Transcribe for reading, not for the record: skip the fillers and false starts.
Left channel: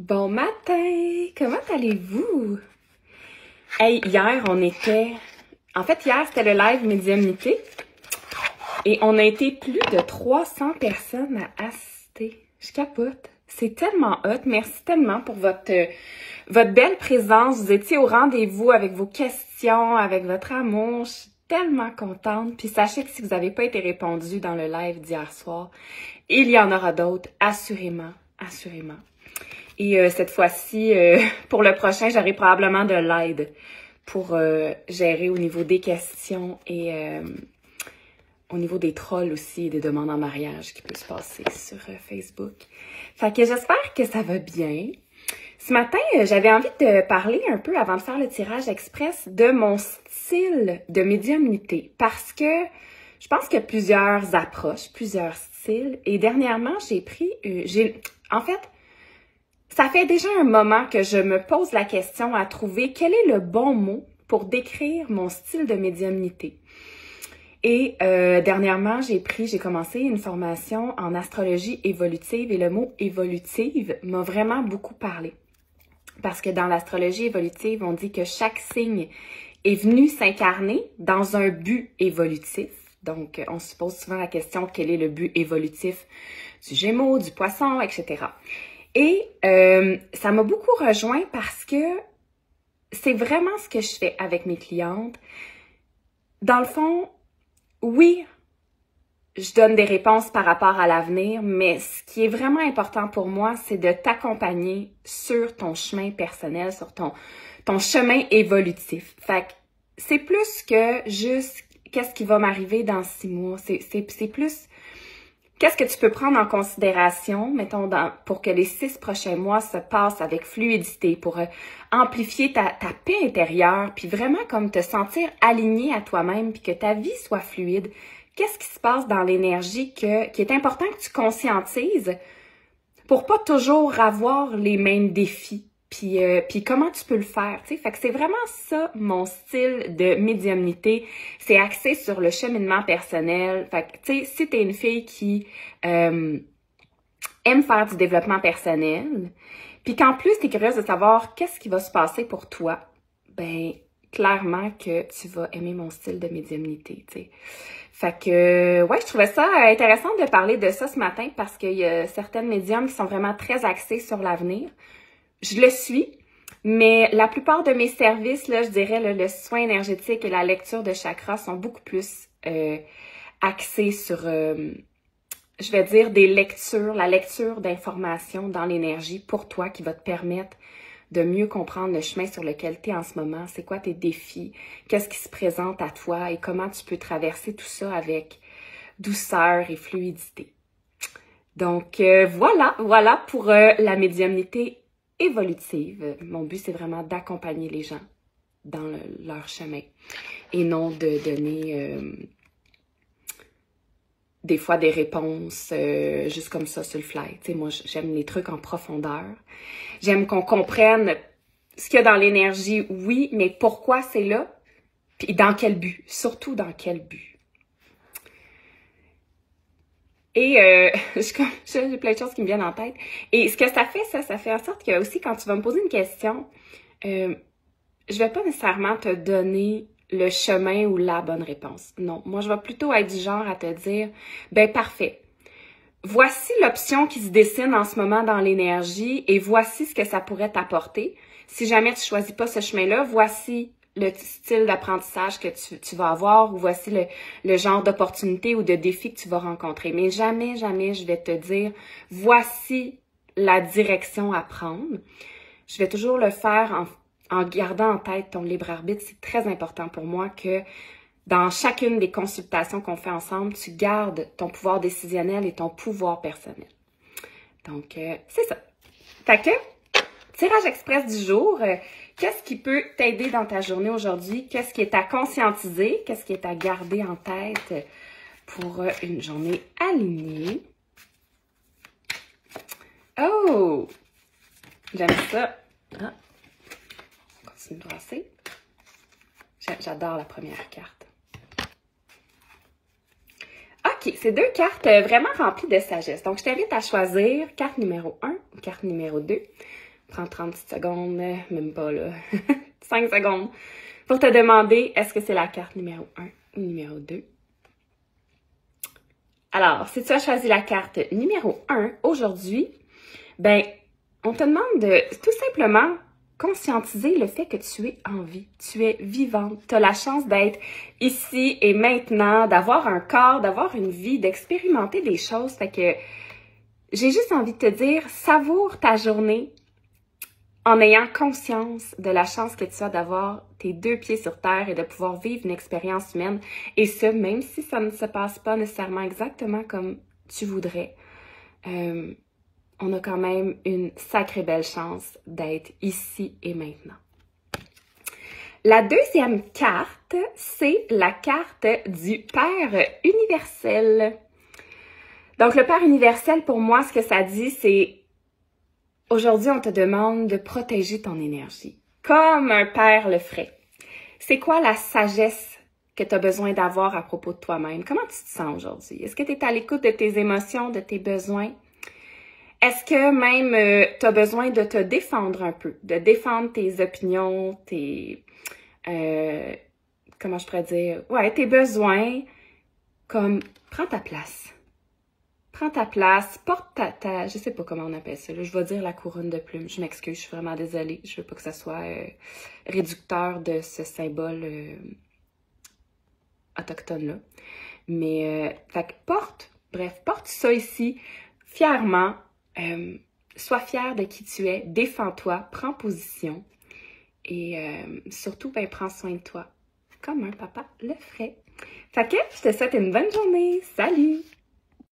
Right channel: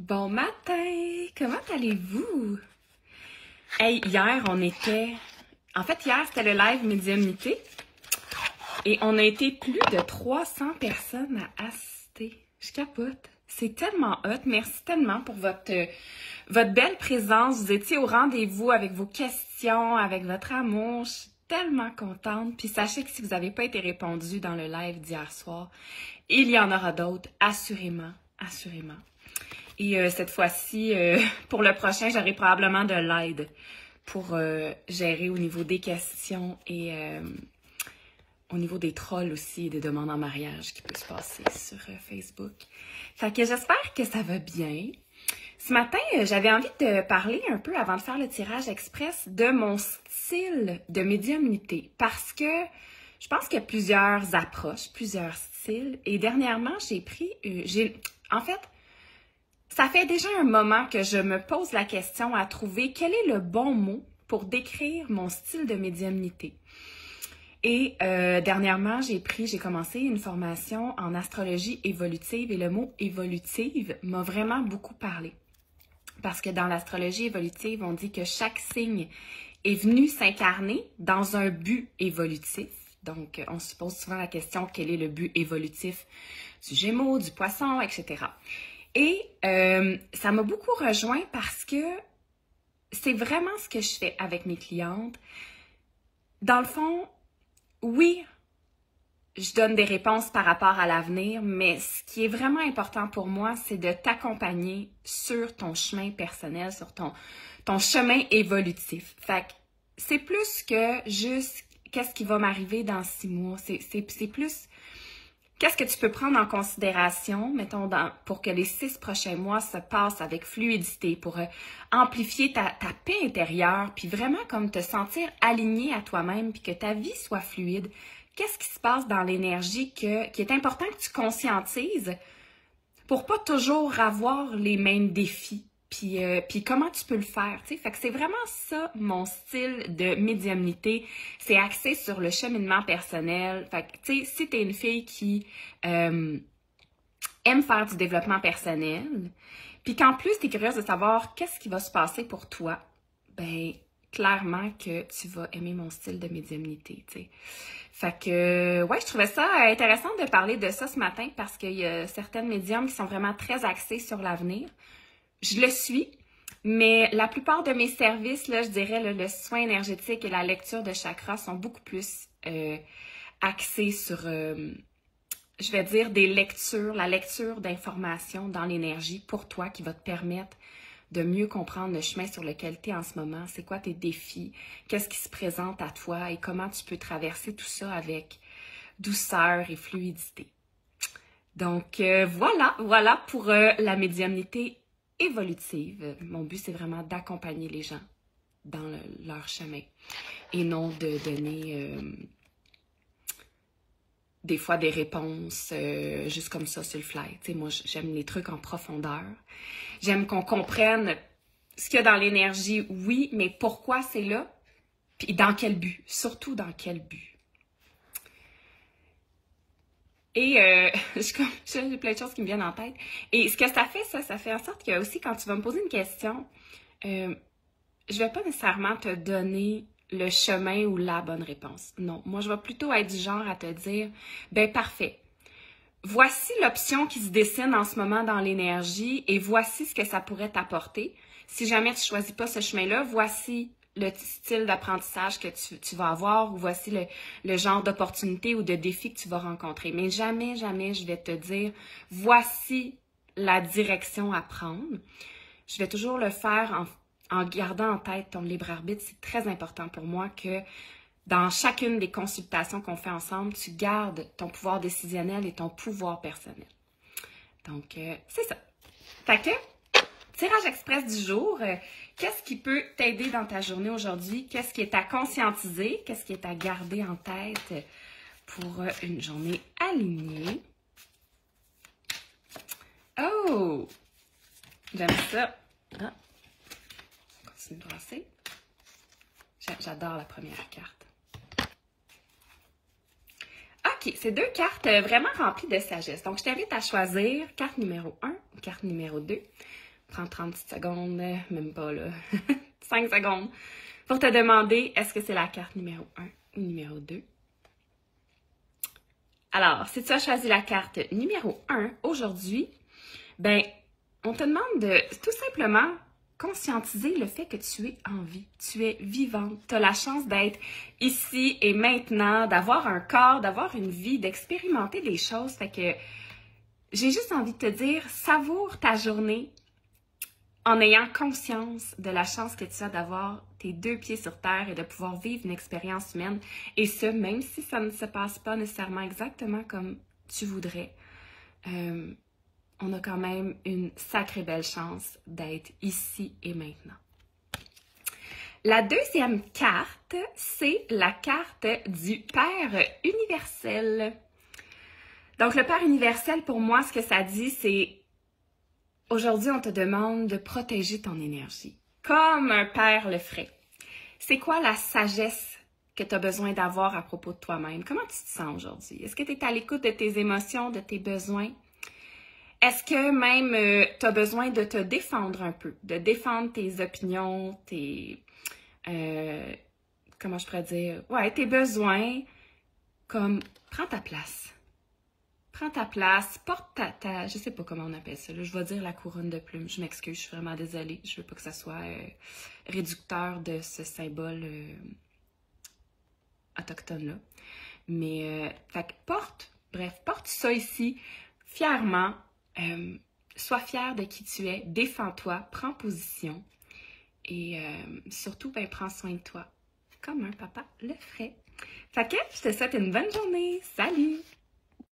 Bon matin! Comment allez-vous? Hey, hier, hier, c'était le live médiumnité. Et on a été plus de 300 personnes à assister. Je capote. C'est tellement hot. Merci tellement pour votre belle présence. Vous étiez au rendez-vous avec vos questions, avec votre amour. Je suis tellement contente. Puis sachez que si vous n'avez pas été répondu dans le live d'hier soir, il y en aura d'autres, assurément, assurément. Et cette fois-ci, pour le prochain, j'aurai probablement de l'aide pour gérer au niveau des questions et au niveau des trolls aussi, des demandes en mariage qui peuvent se passer sur Facebook. Fait que j'espère que ça va bien. Ce matin, j'avais envie de parler un peu, avant de faire le tirage express, de mon style de médiumnité. Parce que je pense qu'il y a plusieurs approches, plusieurs styles. Et dernièrement, en fait, ça fait déjà un moment que je me pose la question à trouver quel est le bon mot pour décrire mon style de médiumnité. Et dernièrement, j'ai commencé une formation en astrologie évolutive et le mot évolutive m'a vraiment beaucoup parlé. Parce que dans l'astrologie évolutive, on dit que chaque signe est venu s'incarner dans un but évolutif. Donc, on se pose souvent la question, quel est le but évolutif du Gémeaux, du Poisson, etc. Et ça m'a beaucoup rejoint parce que c'est vraiment ce que je fais avec mes clientes. Dans le fond, oui, je donne des réponses par rapport à l'avenir, mais ce qui est vraiment important pour moi, c'est de t'accompagner sur ton chemin personnel, sur ton chemin évolutif. Fait que c'est plus que juste qu'est-ce qui va m'arriver dans 6 mois. C'est plus qu'est-ce que tu peux prendre en considération, mettons, pour que les 6 prochains mois se passent avec fluidité, pour amplifier ta paix intérieure, puis vraiment comme te sentir aligné à toi-même, puis que ta vie soit fluide. Qu'est-ce qui se passe dans l'énergie qui est important que tu conscientises pour pas toujours avoir les mêmes défis, puis comment tu peux le faire, tu sais. Fait que c'est vraiment ça, mon style de médiumnité. C'est axé sur le cheminement personnel. Fait que, tu sais, si t'es une fille qui aime faire du développement personnel, puis qu'en plus, t'es curieuse de savoir qu'est-ce qui va se passer pour toi, ben clairement que tu vas aimer mon style de médiumnité, tu sais. Fait que, ouais, je trouvais ça intéressant de parler de ça ce matin parce qu'il y a certaines médiums qui sont vraiment très axées sur l'avenir. Je le suis, mais la plupart de mes services, là, je dirais, le soin énergétique et la lecture de chakras sont beaucoup plus axés sur, je vais dire, la lecture d'informations dans l'énergie pour toi qui va te permettre de mieux comprendre le chemin sur lequel tu es en ce moment, c'est quoi tes défis, qu'est-ce qui se présente à toi et comment tu peux traverser tout ça avec douceur et fluidité. Donc, voilà pour la médiumnité évolutive. Mon but, c'est vraiment d'accompagner les gens dans leur chemin et non de donner des fois des réponses juste comme ça sur le fly. Tu sais, moi, j'aime les trucs en profondeur. J'aime qu'on comprenne ce qu'il y a dans l'énergie, oui, mais pourquoi c'est là, puis dans quel but, surtout dans quel but. Et j'ai plein de choses qui me viennent en tête. Et ce que ça fait en sorte que aussi, quand tu vas me poser une question, je vais pas nécessairement te donner le chemin ou la bonne réponse. Non, moi, je vais plutôt être du genre à te dire, ben parfait. Voici l'option qui se dessine en ce moment dans l'énergie et voici ce que ça pourrait t'apporter. Si jamais tu ne choisis pas ce chemin-là, voici le style d'apprentissage que tu vas avoir ou voici le genre d'opportunité ou de défi que tu vas rencontrer. Mais jamais, jamais je vais te dire voici la direction à prendre. Je vais toujours le faire en gardant en tête ton libre arbitre. C'est très important pour moi que dans chacune des consultations qu'on fait ensemble, tu gardes ton pouvoir décisionnel et ton pouvoir personnel. Donc, c'est ça. Fait que, tirage express du jour, qu'est-ce qui peut t'aider dans ta journée aujourd'hui? Qu'est-ce qui est à conscientiser? Qu'est-ce qui est à garder en tête pour une journée alignée? Oh! J'aime ça. Ah. On continue de brasser. J'adore la première carte. OK, c'est 2 cartes vraiment remplies de sagesse. Donc, je t'invite à choisir carte numéro 1 ou carte numéro 2 prends 30 petites secondes, même pas là, 5 secondes, pour te demander est-ce que c'est la carte numéro 1 ou numéro 2. Alors, si tu as choisi la carte numéro 1 aujourd'hui, ben, on te demande de tout simplement conscientiser le fait que tu es en vie, tu es vivante, tu as la chance d'être ici et maintenant, d'avoir un corps, d'avoir une vie, d'expérimenter des choses. Fait que j'ai juste envie de te dire, savoure ta journée en ayant conscience de la chance que tu as d'avoir tes 2 pieds sur terre et de pouvoir vivre une expérience humaine. Et ce, même si ça ne se passe pas nécessairement exactement comme tu voudrais. On a quand même une sacrée belle chance d'être ici et maintenant. La deuxième carte, c'est la carte du Père universel. Donc, le Père universel, pour moi, ce que ça dit, c'est aujourd'hui, on te demande de protéger ton énergie, comme un père le ferait. C'est quoi la sagesse que tu as besoin d'avoir à propos de toi-même? Comment tu te sens aujourd'hui? Est-ce que tu es à l'écoute de tes émotions, de tes besoins? Est-ce que même tu as besoin de te défendre un peu, de défendre tes opinions, tes... comment je pourrais dire? Ouais, tes besoins, comme prends ta place. Prends ta place, porte ta je sais pas comment on appelle ça, là, je vais dire la couronne de plumes. Je m'excuse, je suis vraiment désolée. Je veux pas que ça soit réducteur de ce symbole autochtone-là. Mais, fait que porte ça ici, fièrement. Sois fier de qui tu es, défends-toi, prends position et surtout, ben, prends soin de toi, comme un papa le ferait. Fait que je te souhaite une bonne journée. Salut!